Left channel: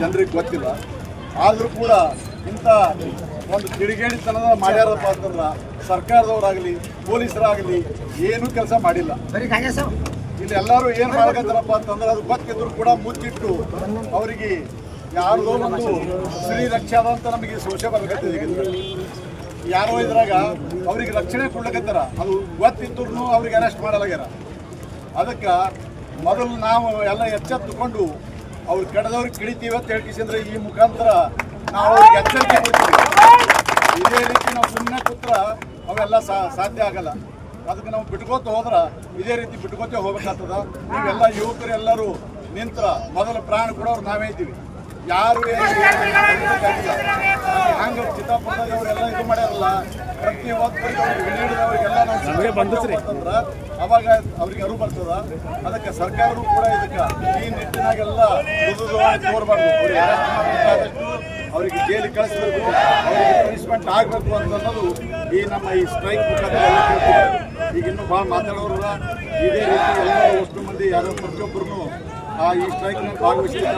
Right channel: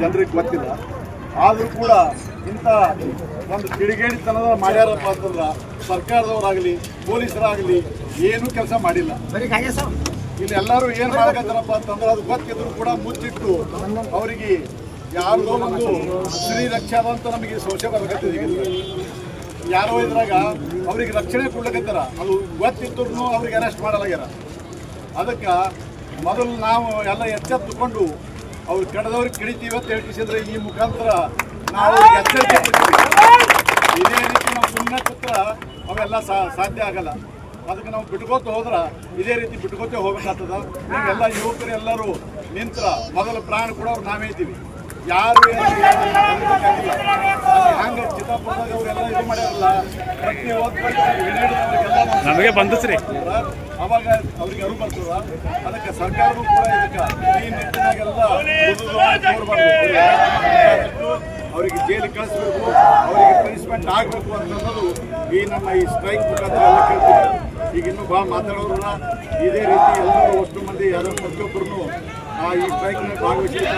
ಜನರಿಗೆ ಗೊತ್ತಿಲ್ಲ. ಆದರೂ ಕೂಡ ಇಂಥ ಒಂದು ಕಿಡಿಗೇಡಿತನದ ಮಾಡ್ಯಾರಪ್ಪ ಅಂತಂದ್ರೆ ಸರ್ಕಾರದವರಾಗಲಿ ಪೊಲೀಸರಾಗಲಿ ಏನೂ ಕೆಲಸ ಮಾಡಿಲ್ಲ. ಇಲ್ಲಿ ಎಲ್ಲರೂ ಏನು ಮಾಡಕತ್ತಾರಪ್ಪ ಅಂತಂದ್ರೆ ಅದು ಗೊತ್ತಿದ್ರು ಕೂಡ ಮುಚ್ಚಿಟ್ಟು ಅವರಿಗೆ ಯಾರಿಗೋ ಒಂದು ಸ್ತ್ರೀ ರಕ್ಷಾ ಅಂತ ನಮಗೆ ಸಂಶಯ ಬರ್ಬೇಕಂತಿದೆ. ಯಾರೋ ಇದ್ರಾಗ ಅವ್ರಿಗೆ ರಕ್ಷಣೆ ಕೊಡ್ಲಕತ್ತಾರ, ಅದು ಗೊತ್ತಿದ್ರು ಅವ್ರಿಗೆ ಅರೆಸ್ಟ್ ಮಾಡಲಾಗ್ಯಾರ. ಅದಕ್ಕೆ ಮೊದಲು ನಾವು ಎಲ್ಲ ಎಚ್ಚೆತ್ತುಕೊಂಡು ಅವ್ರು ಕಡದವ್ರಿಗೆ ಕಿಡಿತೀವಿ ಅಂತ ಹೇಳ್ಕಿಸಿದ್ರೆ ಈ ಮುಖಾಂತರ ನಾವು ಅವ್ರಿಗೆ ಎಚ್ಚರಿಕೆ ಕೊಡ್ತೀವಿ. ಇದೇ ರೀತಿ ನಾವು ಸುಮ್ಮನೆ ಕೂತ್ರ ಅವೆಲ್ಲ ಸಾಧ್ಯ ಆಗಲ್ಲ. ಅದಕ್ಕೆ ನಾವು ಬಿಟ್ಕೋತ ಹೋದ್ರೆ ಇದೇ ರೀತಿ ಬಿಟ್ಕೋತೇ ಹೋಗ್ಬೇಕಾಗ್ತದ. ನೀವೆಲ್ಲ ಯುವಕರು ಎಲ್ಲರೂ ನಿಂತ್ರ ಮೊದಲ ಪ್ರಾಣ ಕೊಡೋರು ನಾವೇ ಇದ್ದೀವಿ. ಯಾರು ಆಗಿಲ್ಲ. ಹಂಗೆ ಚಿತ್ತಾಪುರದಾಗ ಅವರೆಲ್ಲ ಇದು ಮಾಡ್ಯಾರಲ್ಲ, ಪ್ರತಿ ಹಿಡಿದವರಿಗೆಲ್ಲ ನಮಗೆ ಬಂದಿಸ್ರಿ ಅವಾಗ ಅವ್ರಿಗೆ ಅರಿವು ಬರ್ತದ. ಅದಕ್ಕೆ ಸರ್ಕಾರವೂ ಕೂಡ ಇದಕ್ಕೆ ಈ ನಿಟ್ಟಿನಾಗೆಲ್ಲ ತೋರ್ಬಾರ್ದು. ಅವರಿಗೆ ಜೈಲಿಗೆ ಕಳಿಸ್ಬೇಕು, ಅವರಿಗೆ ಪನಿಷ್ಮೆಂಟ್ ಆಗಬೇಕು ಅನ್ನೋದು ಈ ನಮ್ಮ ಈ ಸ್ಟ್ರೈಕ್ ಮುಖಾಂತರ ಎಲ್ಲ ಕೇಳ್ತೀವಿ. ಈಗ ಇನ್ನೂ ಭಾಳ ಮಾತಾಡೋರಲ್ಲ. ಇದೇ ರೀತಿ ಎಲ್ಲರೂ ಅಷ್ಟು ಮಂದಿ ಯಾರು ಪ್ರತಿಯೊಬ್ಬರೂ ಈ ಸ್ಟ್ರೈಕ್ನಲ್ಲಿ ಭಾಗವಹಿಸಲಿಕ್ಕೆ